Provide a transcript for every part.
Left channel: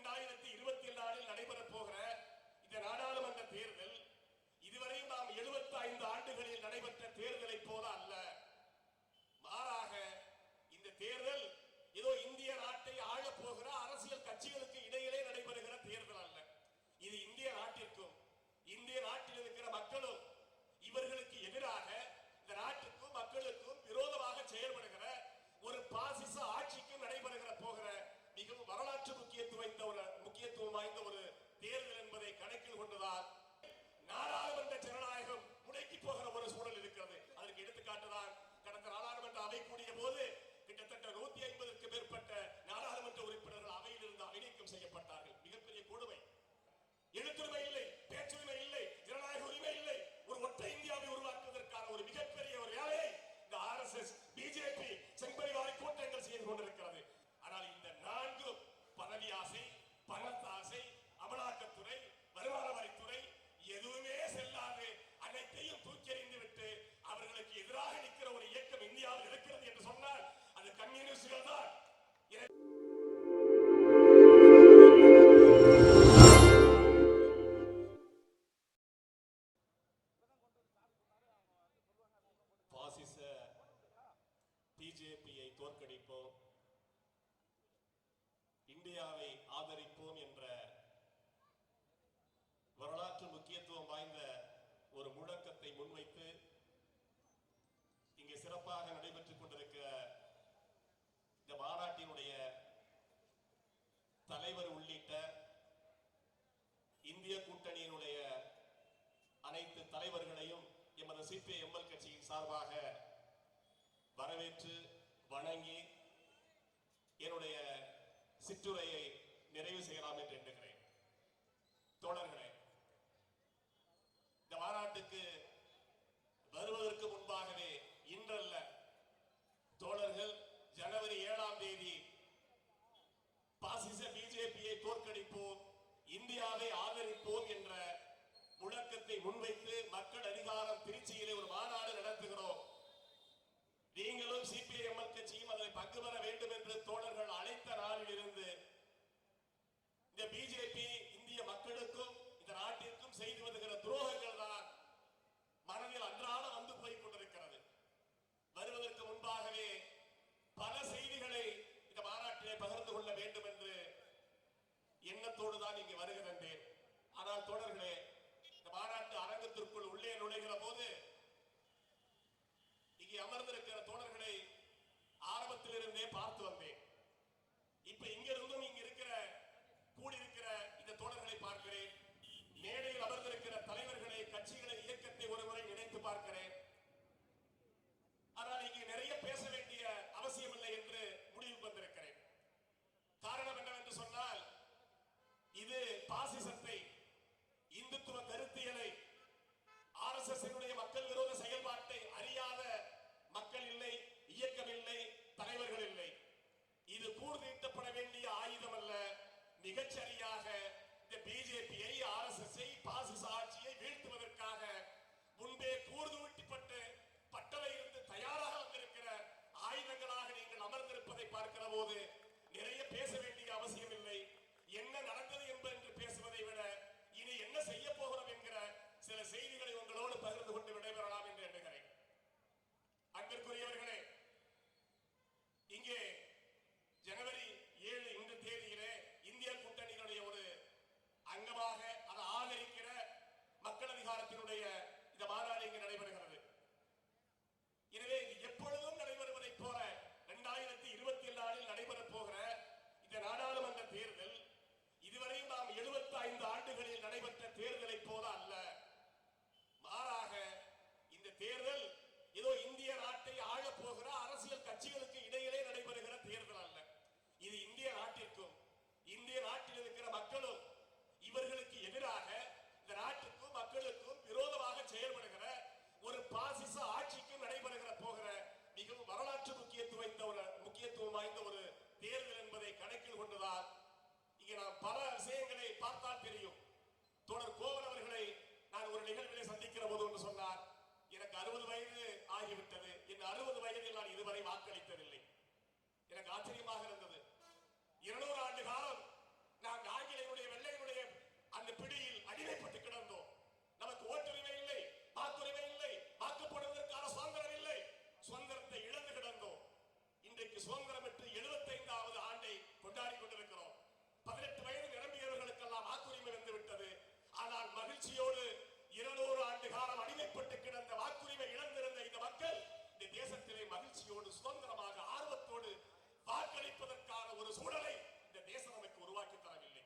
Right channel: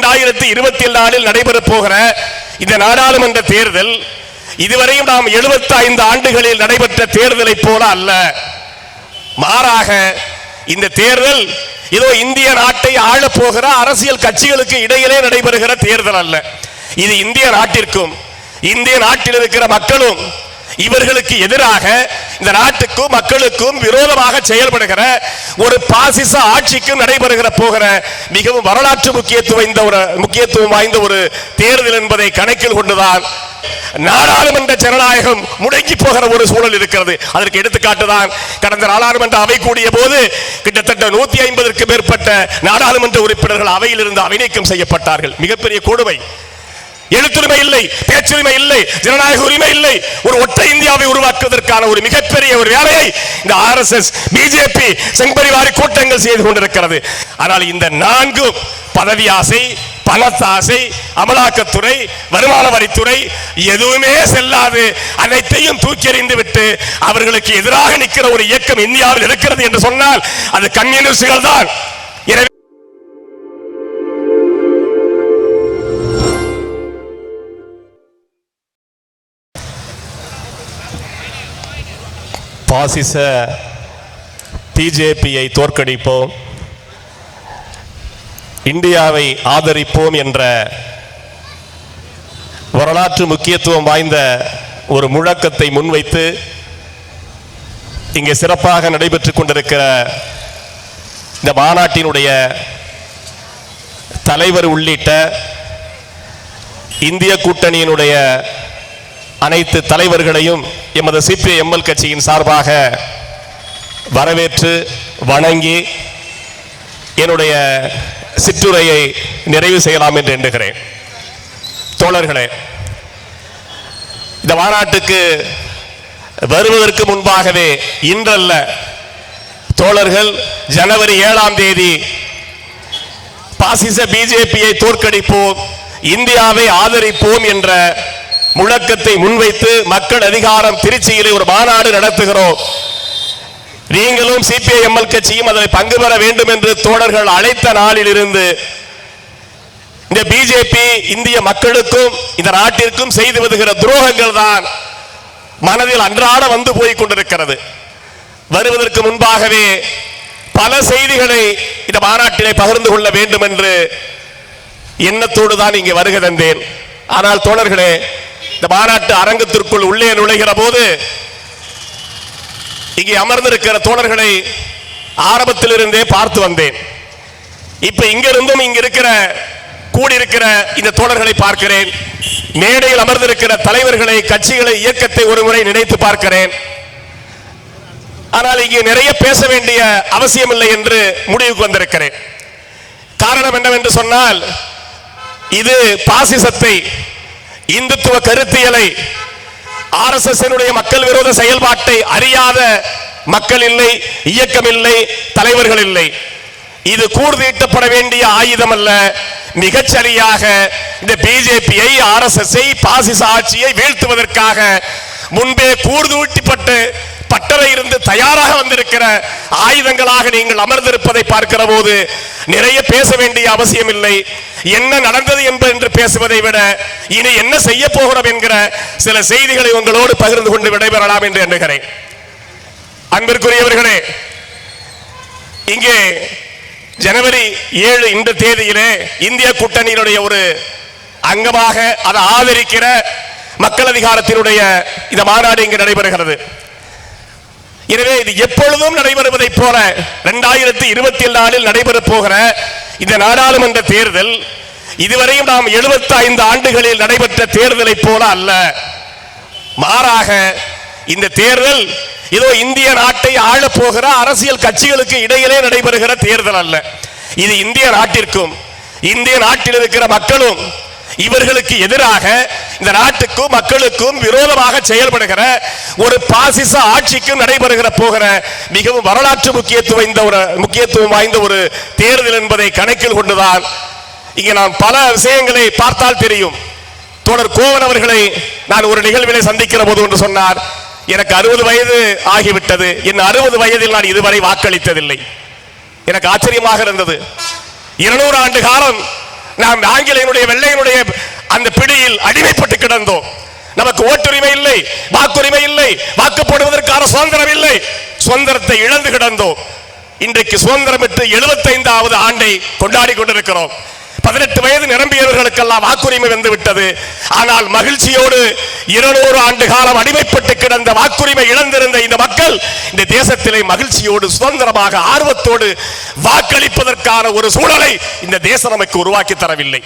2024 நடைபெறப் போகிற இந்த நாடாளுமன்ற தேர்தல் இதுவரையும் நாம் 75 ஆண்டுகளில் நடைபெற்ற தேர்தலை போல அல்ல. மாறாக இந்த தேர்தல் ஏதோ இந்திய நாட்டை ஆளப் போகிற அரசியல் கட்சிகளுக்கு இடையிலே நடைபெறுகிற தேர்தல் அல்ல. இது இந்திய நாட்டிற்கும் இந்திய நாட்டில் இருக்கிற மக்களும் இவர்களுக்கு எதிராக இந்த நாட்டுக்கும் மக்களுக்கும் விரோதமாக செயல்படுகிற ஒரு பாசிச ஆட்சிக்கும் நடைபெறுகிற போகிற மிகவும் வரலாற்று முக்கியத்துவம் வாய்ந்த ஒரு தேர்தல் என்பதை கணக்கில் கொண்டுதான் நாடாளுமன்ற ஜனநாயகம் முடங்கி போகிற ஒரு சூழல் இருக்கிறது. அதற்கு எடுத்துக்காட்டுதான் கடந்த நாடாளுமன்ற அவை கூடிய போது கிட்டத்தட்ட 150க்கும் மேற்பட்ட நாடாளுமன்ற உறுப்பினர்கள் அவையில் இருந்து அவைநீக்கம் செய்யப்பட்டார்கள். மிகப்பெரிய கொடுமை. எழுத்துரிமை இல்லை, பேச்சுரிமை இல்லை, ஜனநாயக உரிமை இல்லை. ஒரு ஒற்றை இந்தியாவை உருவாக்குவதற்கான ஒரு மிகப்பெரிய ஒரு வேலையை இந்த RSS, பிஜேபி, சங்பரிவாரி கூட்டங்கள் செய்து கொண்டிருக்கிறது. ஆனால் இந்த 4 பதவி ஆசை, பணத்தாசை, அமலாக்கத்துறை, வருமான வரித்துறை எதுவுமே செல்லாது அனைத்தையும் தூக்கி எறிந்து விட்டு அவர்களுக்கு எதிராக நிற்கிற ஒரு இயக்கம் இந்தியாவில் இருக்கிறது என்று சொன்னால் அது கம்யூனிஸ்டுகள் தான். எனவே பாசிச பிஜேபியை தோற்கடிப்போம், இந்தியாவை ஆதரிப்போம் என்ற வரலாற்று முக்கியத்துவம் வாய்ந்த ஒரு முழக்கத்தை முன்வைத்து இங்கே சிறப்பாக நடைபெற்றுக் கொண்டிருக்கிற இந்த மாநாட்டினுடைய தலைவர் உள்ளிட்ட இந்திய கூட்டணியினுடைய அனைத்து தலைவர்களையும் எமது CPI-ML கட்சியின் சார்பாக வரவேற்று வணங்கி என்னுடைய சிற்றுரையை நிறைவு செய்யலாம் என்று எண்ணுகிறேன். தோழர்களே, இந்த மாநாட்டுக்கு வருவதற்கு முன்பாகவே இன்றல்ல, தோழர்கள் ஜனவரி 7ஆம் தேதி பாசிச பிஜேபியை தோற்கடிப்போம், இந்தியாவை ஆதரிப்போம் என்ற முழக்கத்தை முன்வைத்து மக்கள் அதிகாரம் திருச்சியிலே ஒரு மாநாடு நடத்துகிறோம். நீங்களும் CPI-ML கட்சியும் அதில் பங்கு பெற வேண்டும் என்று தோழர்கள் அழைத்த நாளில் இருந்து இந்த பிஜேபி இந்திய மக்களுக்கும் இந்த நாட்டிற்கும் செய்து வருகிற துரோகங்கள் தான் மனதில் அன்றாட வந்து போய் கொண்டிருக்கிறது. வருவதற்கு முன்பாகவே பல செய்திகளை இந்த மாநாட்டிலே பகிர்ந்து கொள்ள வேண்டும் என்று எண்ணத்தோடு தான் இங்கே வருகை தந்தேன். ஆனால் தோழர்களே, இந்த மாநாட்டு அரங்கத்திற்குள் உள்ளே நுழைகிற போது இங்கே அமர்ந்திருக்கிற தோழர்களை ஆரம்பத்தில் இருந்தே பார்த்து வந்தேன். இப்ப இங்கிருந்தும் இங்க இருக்கிற கூடியிருக்கிற இந்த தோழர்களை பார்க்கிறேன். மேடையில் அமர்ந்திருக்கிற தலைவர்களை, கட்சிகளை, இயக்கத்தை ஒருமுறை நினைத்து பார்க்கிறேன். ஆனால் இங்கே நிறைய பேச வேண்டிய அவசியம் இல்லை என்று முடிவுக்கு வந்திருக்கிறேன். காரணம் என்னவென்று சொன்னால், இது பாசிசத்தை, இந்துத்துவ கருத்தியலை, RSS மக்கள் விரோத செயல்பாட்டை அறியாத மக்கள் இல்லை, இயக்கம் இல்லை, தலைவர்கள் இல்லை. இது கூர்தீட்டப்பட வேண்டிய ஆயுதம் அல்ல. மிகச்சரியாக இந்த பிஜேபியை, RSS-ஐ, பாசிச ஆட்சியை வீழ்த்துவதற்காக முன்பே கூர்தூட்டப்பட்டு பட்டறை இருந்து தயாராக வந்திருக்கிற ஆயுதங்களாக நீங்கள் அமர்ந்திருப்பதை பார்க்கிற போது நிறைய பேச வேண்டிய அவசியம் இல்லை. என்ன நடந்தது என்று பேசுவதை விட இனி என்ன செய்ய போகிறோம் என்கிற சில செய்திகளை உங்களோடு பகிர்ந்து கொண்டு விடைபெறலாம் என்று எண்ணுகிறேன். அன்பிற்குரியவர்களே, இங்கே ஜனவரி 7 இந்த தேதியிலே இந்திய கூட்டணியினுடைய ஒரு அங்கமாக அதை ஆதரிக்கிற மக்கள் அதிகாரத்தினுடைய இந்த மாநாடு இங்கு நடைபெறுகிறது. எனவே இது எப்பொழுதும் நடைபெறுவதை போல 2024 நடைபெறப் போகிற இந்த நாடாளுமன்ற தேர்தல் இதுவரையும் நாம் 75 ஆண்டுகளில் நடைபெற்ற தேர்தலை போல அல்ல. மாறாக இந்த தேர்தல் ஏதோ இந்திய நாட்டை ஆளப் போகிற அரசியல் கட்சிகளுக்கு இடையிலே நடைபெறுகிற தேர்தல் அல்ல. இது இந்திய நாட்டிற்கும் இந்திய நாட்டில் இருக்கிற மக்களும் இவர்களுக்கு எதிராக இந்த நாட்டுக்கும் மக்களுக்கும் விரோதமாக செயல்படுகிற ஒரு பாசிச ஆட்சிக்கும் நடைபெறுகிற போகிற மிகவும் வரலாற்று முக்கியத்துவம் வாய்ந்த ஒரு தேர்தல் என்பதை கணக்கில் கொண்டுதான் இங்கே நாம் பல விஷயங்களை பார்த்தால் தெரியும். தோழர் கோவன் அவர்களை நான் ஒரு நிகழ்வினை சந்திக்கிற போது ஒன்று சொன்னார், எனக்கு 60 வயது ஆகிவிட்டது, என் 60 வயதில் நான் இதுவரை வாக்களித்ததில்லை. எனக்கு ஆச்சரியமாக இருந்தது. 200 ஆண்டு காலம் நாம் ஆங்கிலேயனுடைய வெள்ளையனுடைய அந்த பிடியில் அடிமைப்பட்டு கிடந்தோம். நமக்கு ஓட்டுரிமை இல்லை, வாக்குரிமை இல்லை, வாக்கு போடுவதற்கான சுதந்திரம் இல்லை. சுதந்திரத்தை இழந்து கிடந்தோம். இன்றைக்கு சுதந்திரம் பெற்று 75வது ஆண்டை கொண்டாடி கொண்டிருக்கிறோம். 18 வயது நிரம்பியவர்களுக்கெல்லாம் வாக்குரிமை வந்து விட்டது. ஆனால் மகிழ்ச்சியோடு 200 ஆண்டு காலம் அடிமைப்பட்டு கிடந்த வாக்குரிமை இழந்திருந்த இந்த மக்கள் இந்த தேசத்திலே மகிழ்ச்சியோடு சுதந்திரமாக ஆர்வத்தோடு வாக்களிப்பதற்கான ஒரு சூழலை இந்த தேசம் நமக்கு உருவாக்கி தரவில்லை.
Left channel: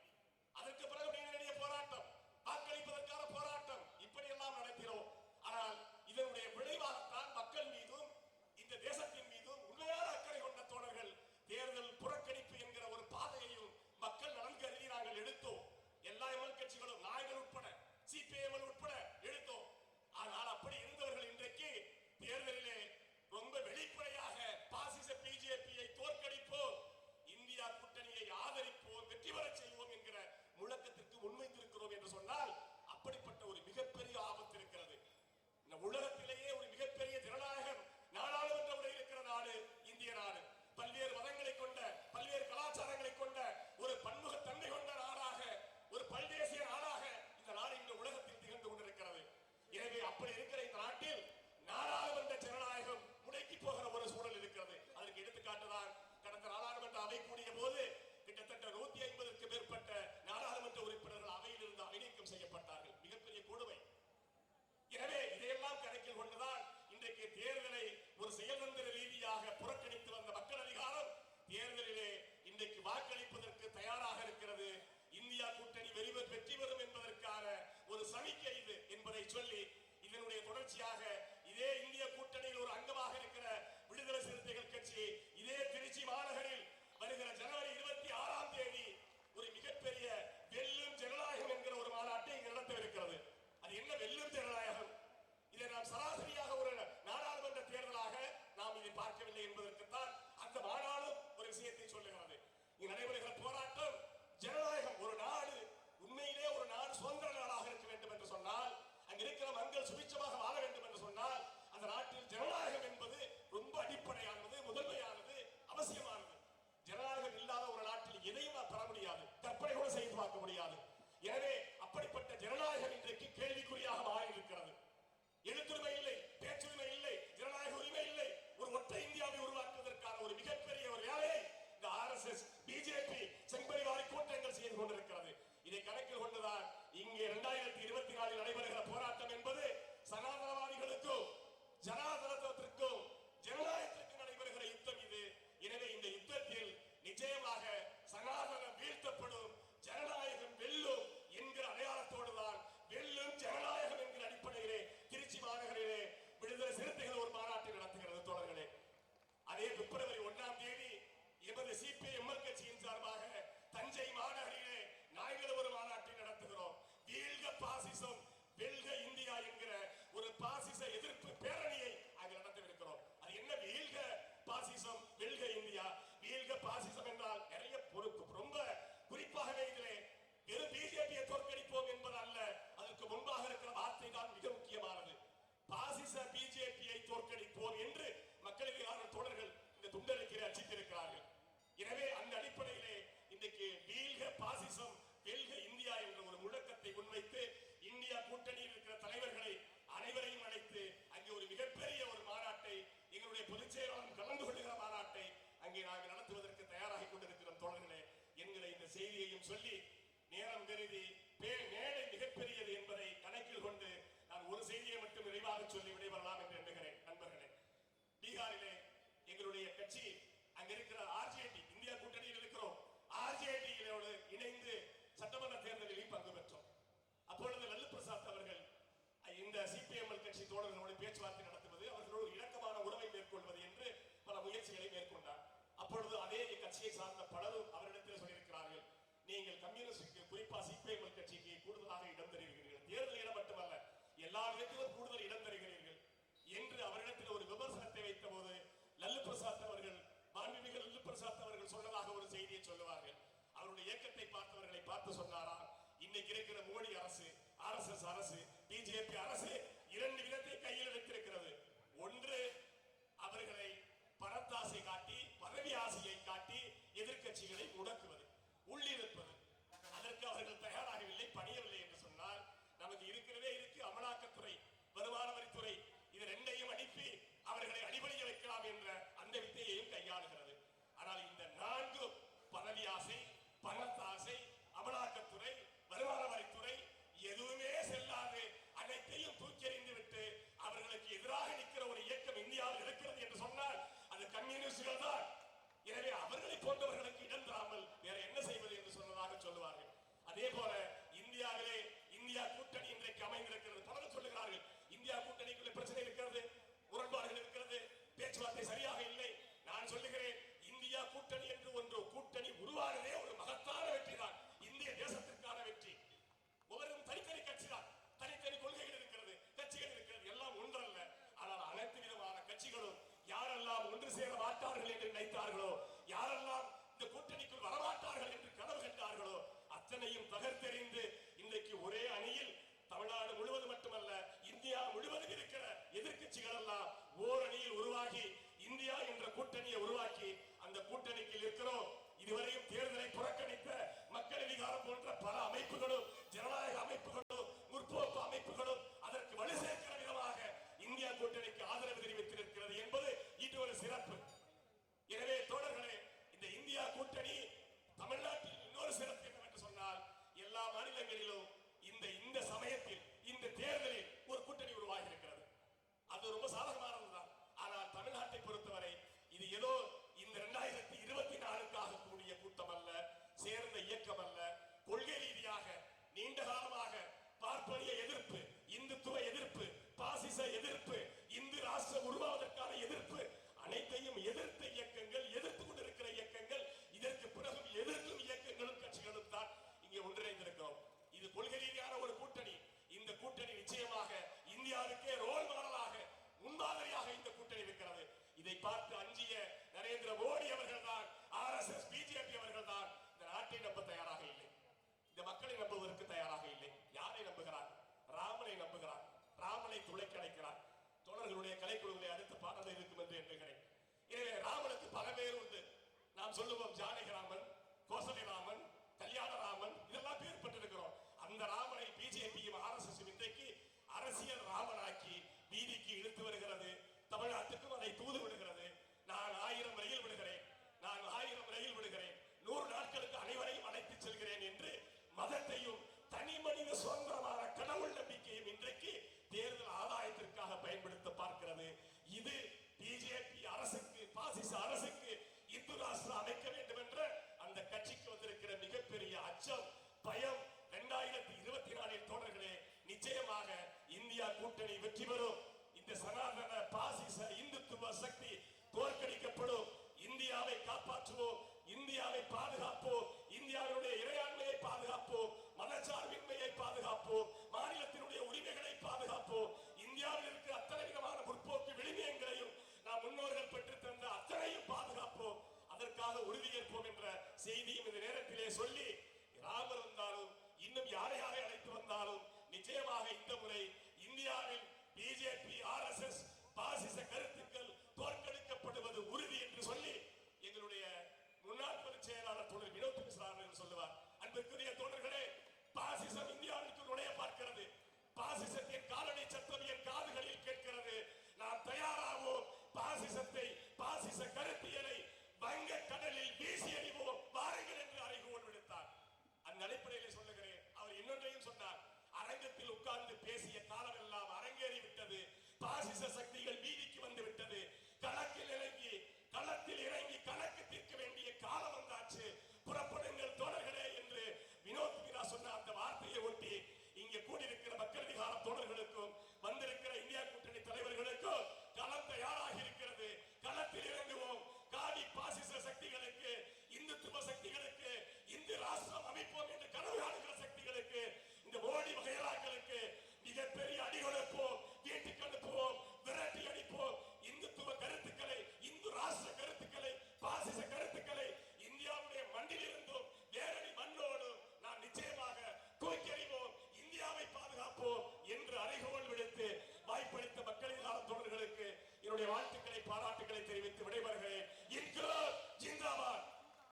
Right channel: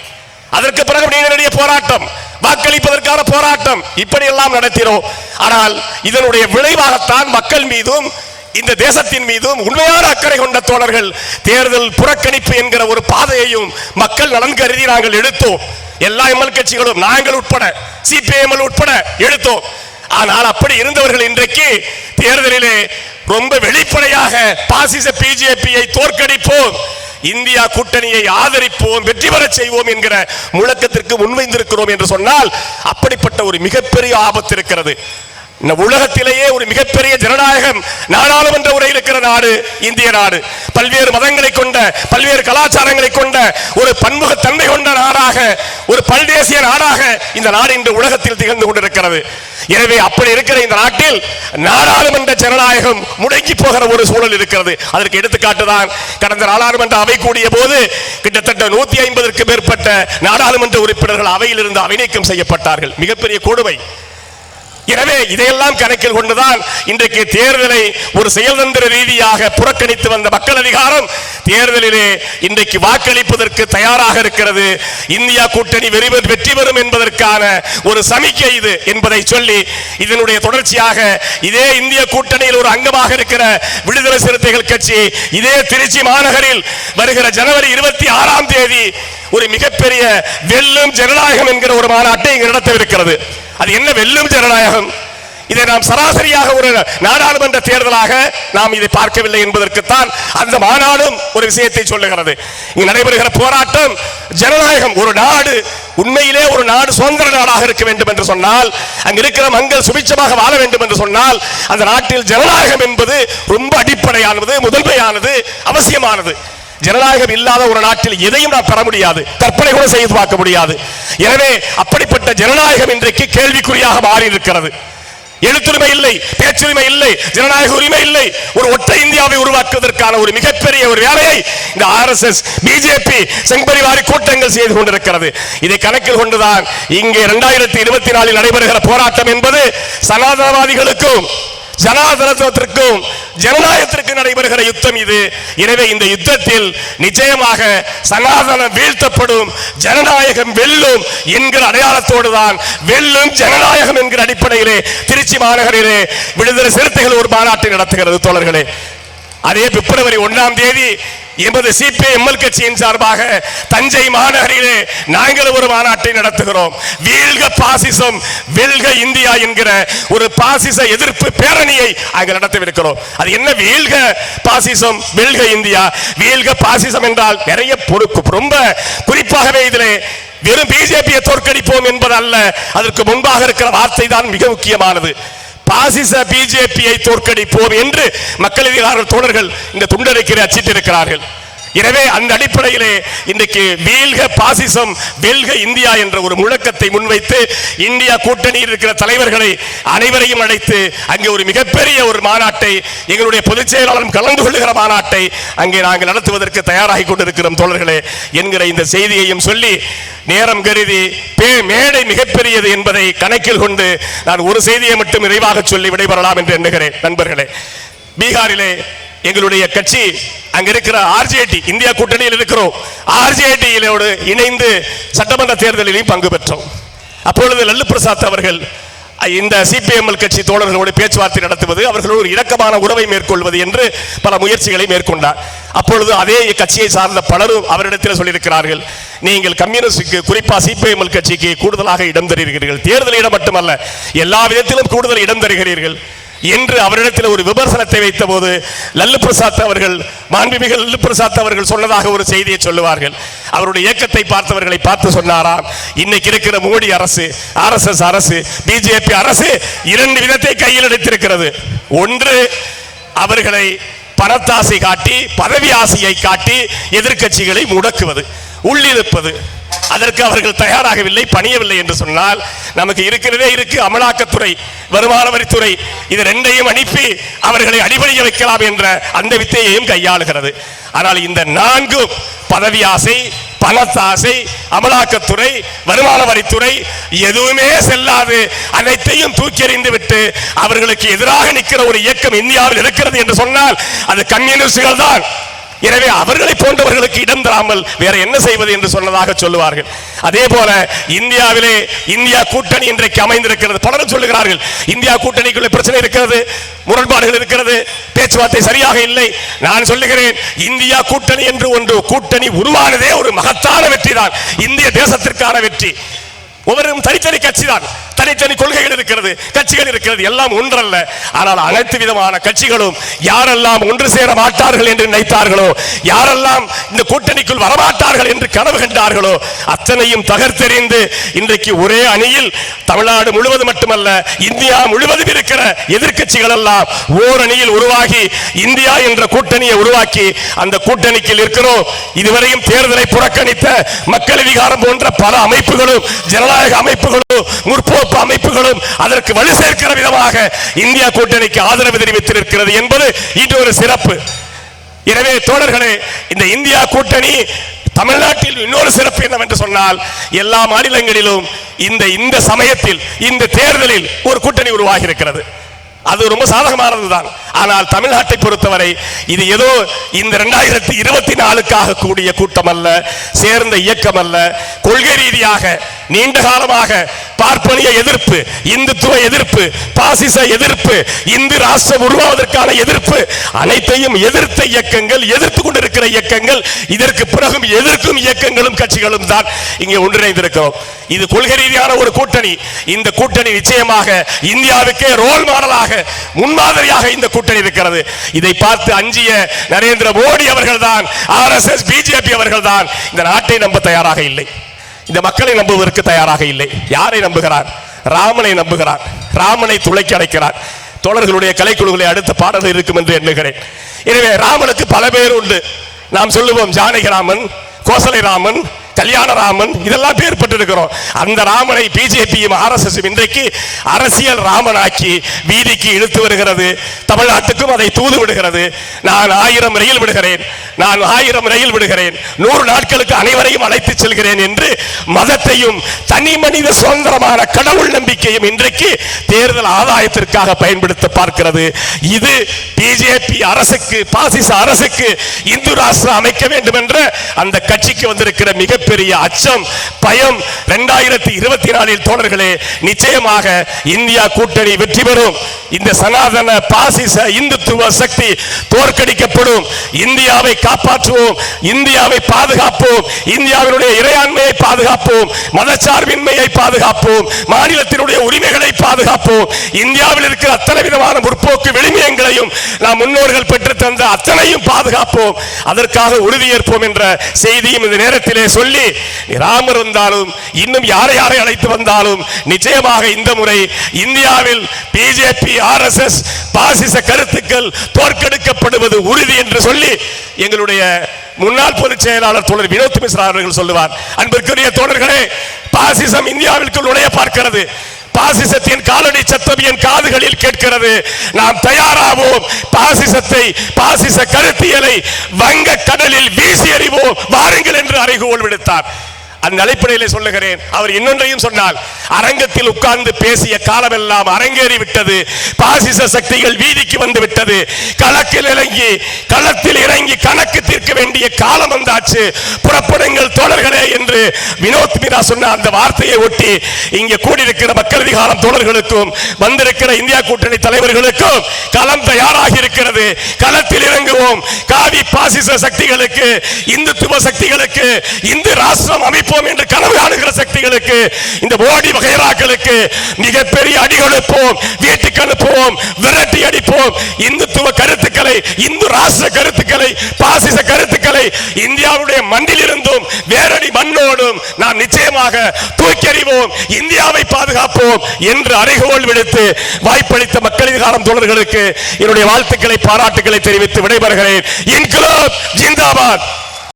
அதற்கு பிறகு நீங்களுடைய போராட்டம், வாக்களிப்பதற்கான போராட்டம் இப்படி எல்லாம் நடத்தினோம். ஆனால் இதனுடைய விளைவாகத்தான் மக்கள் மீதும் இந்த தேசத்தின் மீதும் உண்மையான அக்கறை கொண்ட தோழர்கள் தேர்தல் புறக்கணிப்பு என்கிற ஒரு பாதையையும் மக்கள் நலன் கருதி நாங்கள் எடுத்தோம். எல்லா எம்எல் கட்சிகளும் நாங்கள் உட்பட சிபிஎம் உட்பட எடுத்தோம். ஆனால் அப்படி இருந்தவர்கள் இன்றைக்கு தேர்தலிலே ரொம்ப வெளிப்படையாக பாசிச பிஜேபியை தோற்கடிப்போம், இந்தியா கூட்டணியை ஆதரிப்போம், வெற்றி பெற செய்வோம் என்கிற முழக்கத்திற்கு முன்வைந்திருக்கிறோம் என்று சொன்னால் அப்படிப்பட்ட ஒரு மிகப்பெரிய ஆபத்து இருக்கிறது. உலகத்திலேயே ஒரு மிகப்பெரிய ஜனநாயகம் நாடாளுமன்ற உரை இருக்கிற நாடு இந்திய நாடு. பல்வேறு மதங்களை கொண்ட, பல்வேறு கலாச்சாரங்களை கொண்ட ஒரு பன்முகத்தன்மை கொண்ட நாடாக, ஒரு பல்தேசிய நாடாக இந்த நாடு இன்று உலகத்தில் திகழ்ந்து கொண்டிருக்கிறது. எனவே அப்படி இருக்கிற இந்த நாட்டில் நாடாளுமன்ற ஜனநாயகம் முடங்கி போகிற ஒரு சூழல் இருக்கிறது. அதற்கு எடுத்துக்காட்டுதான் கடந்த நாடாளுமன்ற அவை கூடிய போது கிட்டத்தட்ட 150க்கும் மேற்பட்ட நாடாளுமன்ற உறுப்பினர்கள் அவையில் இருந்து அவை நீக்கம் செய்யப்பட்டார்கள். மிகப்பெரிய கொடுமை. எனவே இதையெல்லாம் கணக்கில் கொண்டுதான் இன்றைக்கு தேர்தலை ஒரு செயல்தந்திர ரீதியாக புறக்கணித்து வந்த மக்கள் அதிகாரம் தேர்தலிலே இன்றைக்கு வாக்களிப்பதற்கு தயாராக இருக்கிறது. இந்தியா கூட்டணி வெற்றி பெறும் என்பதற்கான ஒரு சமிக்கை இது என்பதை சொல்லி இதனுடைய தொடர்ச்சியாக இதே இந்திய கூட்டணியில் ஒரு அங்கமாக இருக்கிற விடுதலை சிறுத்தைகள் கட்சி இதே திருச்சி மாநகரில் வருகிற ஜனவரி 26ஆம் தேதி ஒரு மிகப்பெரிய வெல்லும் ஜனநாயகம் என்கிற ஒரு மாநாட்டை இங்கு நடத்தவிருக்கிறது. அது என்ன வெல்லும் ஜனநாயகம்? இதை நாம் சராசரியாக ஒரு நாடாளுமன்ற தேர்தலாக நாம் இதை பார்க்கவில்லை என்பதற்குத்தான் அந்த மாநாடும் ஒரு விஷயத்தை சொல்லுகிறது. இங்கு நடைபெறுகிற போராட்டம் ஜனநாயகம். ஒரு நாடு உண்மையிலே ஒரு நாடு சுதந்திர நாடாக இருக்க வேண்டும் என்று சொன்னால், அங்கு இருக்கிற மக்கள் சுபிட்சமாக வாழ வேண்டும் என்று சொன்னால், அந்த நாட்டில் ஜனநாயகம் என்பது ரொம்ப அடிப்படையானது, முதன்மையானது, அவசியமானது. ஜனநாயகம் இல்லாத ஒரு நாட்டில் எதையும் நாம் பெற முடியாது, கற்பனை கூட செய்து பார்க்க முடியாது. எனவே அப்படிப்பட்ட ஜனநாயகம் இன்றைக்கு கேள்விக்குறியாக மாறி இருக்கிறது. எழுத்துரிமை இல்லை, பேச்சுரிமை இல்லை, ஜனநாயக உரிமை இல்லை. ஒரு ஒற்றை இந்தியாவை உருவாக்குவதற்கான ஒரு மிகப்பெரிய ஒரு வேலையை இந்த ஆர்எஸ்எஸ் பிஜேபி செங்கபரிவாரி கூட்டங்கள் செய்து கொண்டிருக்கிறது. இதை கணக்கில் கொண்டுதான் இங்கே 2024 நடைபெறுகிற போராட்டம் என்பது சனாதனவாதிகளுக்கும் ஜனாதிபத்தியத்திற்கும் ஜனநாயகத்திற்கு நடைபெறுகிற யுத்தம் இது. எனவே இந்த யுத்தத்தில் நிச்சயமாக சனாதனம் வீழ்த்தப்படும், ஜனநாயகம் வெல்லும் என்கிற அடையாளத்தோடு தான் வெல்லும் ஜனநாயகம் என்கிற அடிப்படையிலே திருச்சி மாநகரிலே விடுதலை சிறுத்தைகள் ஒரு மாநாட்டை நடத்துகிறது தோழர்களே. அதே பிப்ரவரி 1ஆம் தேதி எமது சிபிஎம் கட்சியின் சார்பாக தஞ்சை மாநகரிலே நாங்கள் ஒரு மாநாட்டை நடத்துகிறோம். வீழ்க பாசிசம் வெல்க இந்தியா என்கிற ஒரு பாசிச எதிர்ப்பு பேரணியை அங்கு நடத்தவிருக்கிறோம். அது என்ன வீழ்க பாசிசம் வெல்க இந்தியா? வீழ்க பாசிசம் என்றால் நிறைய ரொம்ப குறிப்பாகவே இதிலே வெறும் பிஜேபியை தோற்கடிப்போம் என்பது அல்ல, அதற்கு முன்பாக இருக்கிற வார்த்தை தான் மிக முக்கியமானது. பாசிச பிஜேபியை தோற்கடிப்போம் என்று மக்கள் அதிகார தோழர்கள் இந்த துண்டறிக்கையை அச்சிட்டிருக்கிறார்கள். எனவே அந்த அடிப்படையிலே இன்றைக்கு வீழ்க பாசிசம் வெல்க இந்தியா என்ற ஒரு முழக்கத்தை முன்வைத்து இந்தியா கூட்டணியில் இருக்கிற தலைவர்களை அனைவரையும் அழைத்து அங்கே ஒரு மிகப்பெரிய ஒரு மாநாட்டை, எங்களுடைய பொதுச் செயலாளரும் கலந்து கொள்ளுகிற மாநாட்டை அங்கே நாங்கள் நடத்துவதற்கு தயாராகி கொண்டிருக்கிறோம் தோழர்களே என்கிற இந்த செய்தியையும் சொல்லி, நேரம் கருதி மேடை மிகப்பெரியது என்பதை கணக்கில் கொண்டு நான் ஒரு செய்தியை மட்டும் நிறைவாக சொல்லி விடைபெறலாம் என்று எண்ணுகிறேன். நண்பர்களே, பீகாரிலே எங்களுடைய கட்சி அங்க இருக்கிற ஆர்ஜேடி, இந்தியா கூட்டணியில் இருக்கிறோம், ஆர்ஜேடியோடு இணைந்து சட்டமன்ற தேர்தலிலும் பங்கு பெற்றோம். அப்பொழுது லல்லு பிரசாத் அவர்கள் இந்த சிபிஎம் கட்சி தோழர்களோடு பேச்சுவார்த்தை நடத்துவது, அவர்களோடு ஒரு இணக்கமான உறவை மேற்கொள்வது என்று பல முயற்சிகளை மேற்கொண்டார். அப்பொழுது அதே கட்சியை சார்ந்த பலரும் அவரிடத்தில் சொல்லியிருக்கிறார்கள், நீங்கள் கம்யூனிஸ்டுக்கு குறிப்பா சிபிஎம் கட்சிக்கு கூடுதலாக இடம் தருகிறீர்கள், தேர்தலிடம் மட்டுமல்ல எல்லா விதத்திலும் கூடுதல் இடம் தருகிறீர்கள் என்று அவரிடத்தில் ஒரு விமர்சனத்தை வைத்த போது லல்லு பிரசாத் அவர்கள், மாண்புமிகு லல்லு பிரசாத் அவர்கள் சொன்னதாக ஒரு செய்தியை சொல்லுவார்கள். அவருடைய இயக்கத்தை பார்த்தவர்களை பார்த்து சொன்னாராம், இன்னைக்கு இருக்கிற மோடி அரசு, ஆர்எஸ்எஸ் அரசு, பிஜேபி அரசு 2 விதத்தை கையில் எடுத்திருக்கிறது. ஒன்று, அவர்களை பணத்தாசை காட்டி, பதவி ஆசையை காட்டி எதிர்க்கட்சிகளை முடக்குவது, உள்ளிருப்பது. அதற்கு அவர்கள் தயாராகவில்லை, பணியவில்லை என்று சொன்னால் நமக்கு இருக்கிறதே இருக்கு அமலாக்கத்துறை, வருமான வரித்துறை, இது ரெண்டையும் அனுப்பி அவர்களை அடிபணிய வைக்கலாம் என்ற அந்த வித்தையையும் கையாளுகிறது. ஆனால் இந்த 4 பதவி ஆசை, பணத்தாசை, அமலாக்கத்துறை, வருமான வரித்துறை எதுவுமே செல்லாது அனைத்தையும் தூக்கி எறிந்து விட்டு அவர்களுக்கு எதிராக நிற்கிற ஒரு இயக்கம் இந்தியாவில் இருக்கிறது என்று சொன்னால் அது கம்யூனிஸ்டுகள் தான். எனவே அவர்களை போன்றவர்களுக்கு இடம் தராமல் வேற என்ன செய்வது என்று சொன்னதாக சொல்லுவார்கள். அதே போல இந்தியாவிலே இந்தியா கூட்டணி இன்றைக்கு அமைந்திருக்கிறது. பலரும் சொல்லுகிறார்கள் இந்தியா கூட்டணிக்குள்ள பிரச்சனை இருக்கிறது, முரண்பாடுகள் இருக்கிறது, பேச்சுவார்த்தை சரியாக இல்லை. நான் சொல்லுகிறேன் இந்தியா கூட்டணி என்று ஒன்று கூட்டணி உருவானதே ஒரு மகத்தான வெற்றி தான், இந்திய தேசத்திற்கான வெற்றி. ஒவ்வொருவரும் தனித்தனி கட்சி தான், தனித்தனி கொள்கைகள் இருக்கிறது, கட்சிகள் இருக்கிறது, எல்லாம் ஒன்றல்ல. ஆனால் அனைத்து விதமான கட்சிகளும் யாரெல்லாம் ஒன்று சேர மாட்டார்கள் என்று நினைத்தார்களோ, யாரெல்லாம் இந்த கூட்டணிக்குள் வரமாட்டார்கள் என்று கனவு கண்டார்களோ அத்தனையும் தகர்த்தெறிந்து இன்றைக்கு ஒரே அணியில் தமிழ்நாடு முழுவதும் மட்டுமல்ல இந்தியா முழுவதும் இருக்கிற எதிர்க்கட்சிகள் எல்லாம் ஓர் அணியில் உருவாகி இந்தியா என்ற கூட்டணியை உருவாக்கி அந்த கூட்டணிக்கு இருக்கிறோம். இதுவரையும் தேர்தலை புறக்கணித்த மக்கள் அதிகாரம் போன்ற பல அமைப்புகளும், ஜனநாயக அமைப்புகளும், முற்போக்கு அமைப்புகளும் அதற்கு வலு சேர்க்கிற விதமாக இந்தியா கூட்டணிக்கு ஆதரவு தெரிவித்திருக்கிறது என்பது இது ஒரு சிறப்பு. எனவே தோழர்களே, இந்த இந்தியா கூட்டணி தமிழ்நாட்டில் இன்னொரு சிறப்பு என்னவென்று சொன்னால் எல்லா மாநிலங்களிலும் இந்த சமயத்தில் இந்த தேர்தலில் ஒரு கூட்டணி உருவாகி இருக்கிறது. அது ரொம்ப சாதகமானதுதான். ஆனால் தமிழ்நாட்டை பொறுத்தவரை இது ஏதோ இந்த 2024க்காக கூடிய கூட்டம் அல்ல, சேர்ந்த இயக்கம் அல்ல. கொள்கை ரீதியாக நீண்ட காலமாக பார்ப்பனிய எதிர்ப்பு, இந்துத்துவ எதிர்ப்பு, பாசிச எதிர்ப்பு, இந்து ராஷ்டிரம் உருவாவதற்கான எதிர்ப்பு அனைத்தையும் எதிர்த்த இயக்கங்கள், எதிர்த்து கொண்டிருக்கிற இயக்கங்கள், இதற்கு பிறகும் எதிர்க்கும் இயக்கங்களும் கட்சிகளும் தான் இங்கே ஒன்றிணைந்திருக்கிறோம். இது கொள்கை ரீதியான ஒரு கூட்டணி. இந்த கூட்டணி நிச்சயமாக இந்தியாவுக்கே ரோல் மாடலாக, முன்மாதிரியாக இந்த கூட்டணி இருக்கிறது. இதை பார்த்து அஞ்சிய நரேந்திர மோடி அவர்கள் தான், RSS பிஜேபி அவர்கள் தான் இந்த நாட்டை நம்ப தயாராக இல்லை, இந்த மக்களை நம்புவதற்கு தயாராக இல்லை. யாரை நம்புகிறார்? ராமனை நம்புகிறார். ராமனை துளைக்கி அடைக்கிறார். தோழர்களுடைய கலைக்குழுகளை அடுத்த பாடல்கள் இருக்கும் என்று எண்ணுகிறேன். எனவே ராமனுக்கு பல பேர் உண்டு. நாம் சொல்லுவோம் ஜானகி ராமன், கோசலை ராமன், கல்யாணராமன், இதெல்லாம் பேர் பெற்றிருக்கிறோம். அந்த ராமனை பிஜேபியும் RSS இன்றைக்கு அரசியல் ராமனாக்கி வீதிக்கு இழுத்து வருகிறது. தமிழ்நாட்டுக்கும் அதை தூது விடுகிறது. நான் 1000 ரயில் விடுகிறேன், நான் 1000 ரயில் விடுகிறேன், 100 நாட்களுக்கு அனைவரையும் அழைத்து செல்கிறேன் என்று மதத்தையும் தனி மனித சுதந்திரமான கடவுள் நம்பிக்கையும் இன்றைக்கு தேர்தல் ஆதாயத்திற்காக பயன்படுத்த பார்க்கிறது. இது பிஜேபி அரசுக்கு, பாசிச அரசுக்கு இந்து ராஷ்டிரம் அமைக்க வேண்டும் என்ற அந்த கட்சிக்கு வந்திருக்கிற மிகப்பெரிய அச்சம், பயம். 2024 தோழர்களே, நிச்சயமாக இந்தியா கூட்டணி வெற்றி பெறும். இந்த சனாதன பாசிச இந்துத்துவ சக்தி தோற்கடிக்கப்படும். இந்தியாவை காப்பாற்றுவோம், இந்தியாவை பாதுகாப்போம், இந்தியாவினுடைய இறையாண்மையை பாதுகாப்போம், மதச்சார்பின்மையை பாதுகாப்போம், மாநிலத்தினுடைய உரிமைகளை பாதுகாப்போம். இந்தியாவில் இருக்கிற அத்தனை விதமான முற்போக்கு விளிமியங்களையும் நாம் முன்னோர்கள் பெற்று தந்த அத்தனையும் பாதுகாப்போம். அதற்காக உறுதியேற்போம் என்ற செய்தியும் இந்த நேரத்திலே சொல்லி, ராமர் வந்தாலும் இன்னும் யாரை அழைத்து வந்தாலும் நிச்சயமாக இந்த முறை இந்தியாவில் பிஜேபி, RSS பாசிச கருத்துக்கள் தோற்கடிக்கப்படுவது உறுதி என்று சொல்லி எங்களுடைய முன்னாள் பொதுச் செயலாளர் தோழர் வினோத் மிஸ்ரா அவர்கள் சொல்லுவார். அன்பிற்குரிய தோழர்களே, பாசிசம் இந்தியாவிற்குள் நுழைய பார்க்கிறது. பாசிசத்தின் காலடி சத்தம் என் காதுகளில் கேட்கிறது. நாம் தயாராவோம். பாசிசத்தை, பாசிச கருத்தியலை வங்க கடலில் வீசி எறிவோம் வாருங்கள் என்று அறைகோல் விடுத்தார். அந்த அடிப்படையிலே சொல்லுகிறேன். அவர் இன்னொன்றையும் சொன்னால், அரங்கத்தில் உட்கார்ந்து பேசிய காலமெல்லாம் அரங்கேறி விட்டது. பாசிச சக்திகள் வீதிக்கு வந்து விட்டது. களத்தில் இறங்கி கணக்கு தீர்க்க வேண்டிய காலம் வந்தாச்சு. புறப்படுங்கள் தோழர்களே என்று வினோத் மீரா சொன்ன அந்த வார்த்தையை ஒட்டி இங்கே கூடியிருக்கிற மக்கள் அதிகாரம் தோழர்களுக்கும் வந்திருக்கிற இந்தியா கூட்டணி தலைவர்களுக்கும் களம் தயாராகி இருக்கிறது. களத்தில் இறங்குவோம். காவி பாசிச சக்திகளுக்கு, இந்துத்துவ சக்திகளுக்கு, இந்து ராஷ்டிரம் அமைப்பு என்று கனவு காணுகிற சக்திகளுக்கு, இந்த மோடி வகைராக்களுக்கு மிகப்பெரிய அடி கொடுப்போம், வீட்டுக்கு அனுப்புவோம், விரட்டி அடிப்போம். இந்துத்துவ கருத்துக்களை, இந்து ராஷ்டிர கருத்துக்களை, பாசிச கருத்துக்களை இந்தியாவுடைய மண்ணில் இருந்தும் வேரடி மண்ணோடும் நாம் நிச்சயமாக தூக்கெறிவோம். இந்தியாவை பாதுகாப்போம் என்று அறைகோல் விடுத்து வாய்ப்பளித்த மக்கள் அதிகாரம் தோழர்களுக்கு என்னுடைய வாழ்த்துக்களை, பாராட்டுக்களை தெரிவித்து விடைபெறுகிறேன். இன்குலாப் ஜிந்தாபாத்.